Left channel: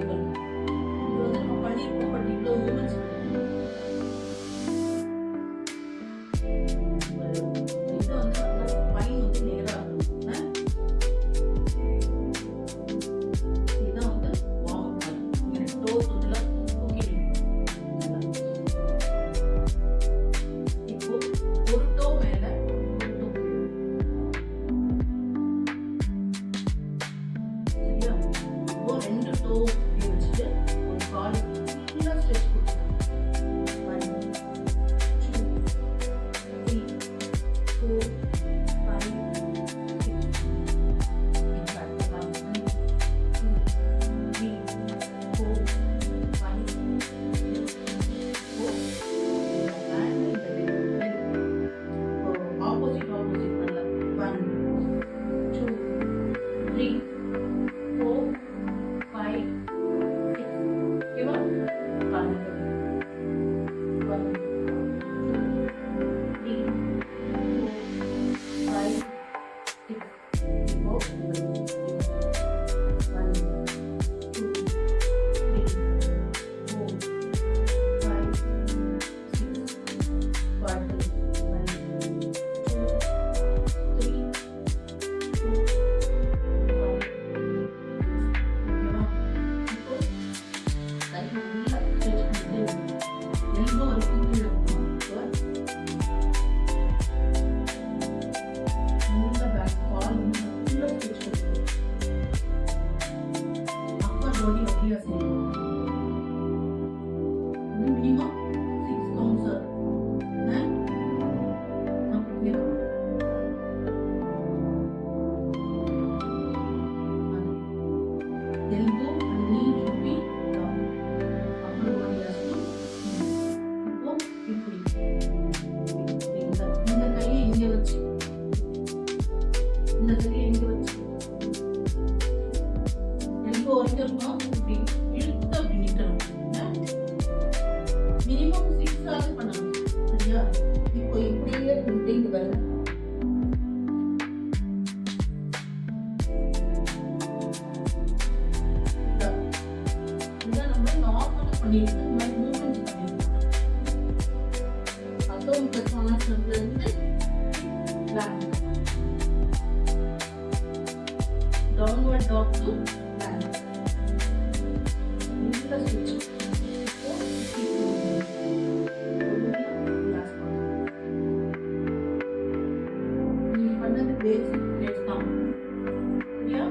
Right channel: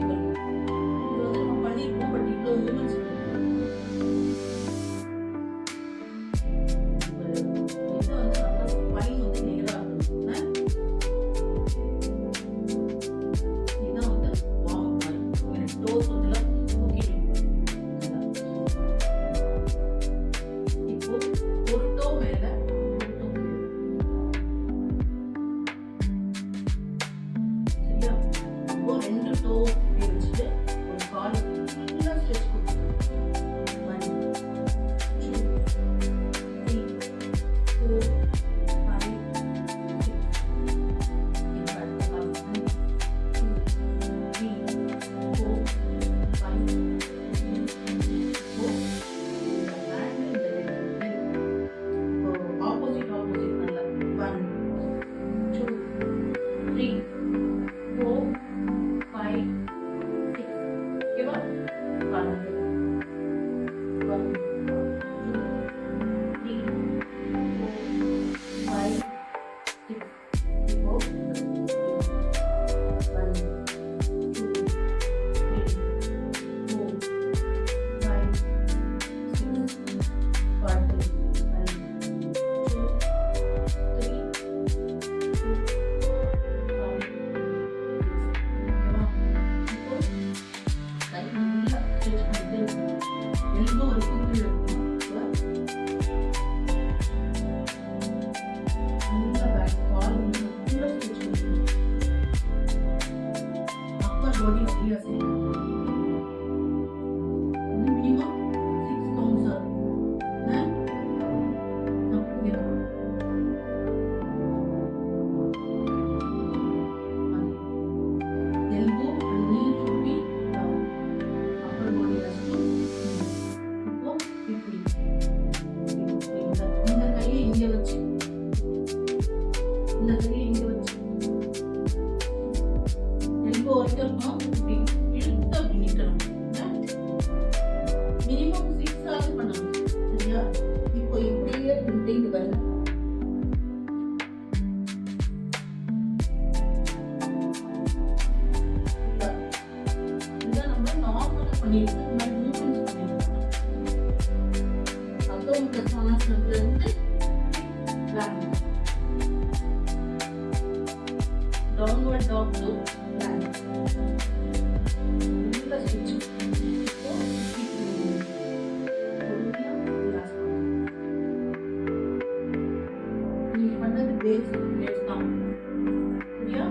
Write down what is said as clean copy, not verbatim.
Equal. இது வந்து நம்ம பண்ணிருக்கோம், பட் இவ்வளவு மூமெண்ட்ஸ் பண்ணிருக்கோம். இது வந்து நல்லா ஸ்பைன் வந்து நேரா இருக்கணும். இதுதான் வந்து வார்ம் மாதிரி. இங்க டோஸ் வந்து தூக்கிட்டு இப்போ ஒரு டோ மேல ஒரு டோ கீழே. சரியா? இப்போ ரெண்டு டோ வச்சுட்டு ஒரு கால் ஃபுல்லா ஸ்ட்ரெச் கொடுக்கலாம். 1 2 3 4 5 6. இப்போ அடுத்தலாம் 1 2 3 4 5 6. இப்போ இந்த ஹேண்ட் இந்த லெக் இப்போ ஆப்போசிட் நல்லா 1 2 3 4 5 6. ஓகேவா? பாருங்க 1 2 3 4 5 6. இப்போ 1 2 3 4 5 6. பாட்டு 1 2 3 4 5 6. ஓகேவா? இப்போ கை நல்லா ஸ்ட்ரெச் பண்ணிட்டே இருக்கணும். எல்போ வரைக்கும் கீழே இருக்கணும். இப்போ நல்லா பேக் கால் வந்து நல்லா ஸ்ட்ரெச் கொடுக்கணும். அப்பர் பாடி அப்படியே செய்யணும். இது மினிமம் 6 கவுண்ட்ஸ் ஆகும். அப்படி elbow and knee should be down. Upper body has to move. இப்போ இப்படி இந்த கையை இங்க வச்சு elbow வரைக்கும் இருக்கும். இப்படி இழுத்து அப்படி நிக்கணும். மினிமம் 6 ஆவது பண்ணணும். சரியா? இப்போ இப்படியே இங்க பாருங்க. இதான் நம்ம நார்மலா பண்ணிருக்கோம். இந்த மாதிரி மூவ்மெண்ட்ஸ் பண்ணிருக்கோம். அத்தோமிக் இருந்து plank, downward dog to plank. நல்ல ஸ்ட்ரெச். இப்போ பொறுமையா ரிலாக்ஸ் பண்ணணும். நீ பண்ணது பேசிக் பிளேஸ் தான். சரியா?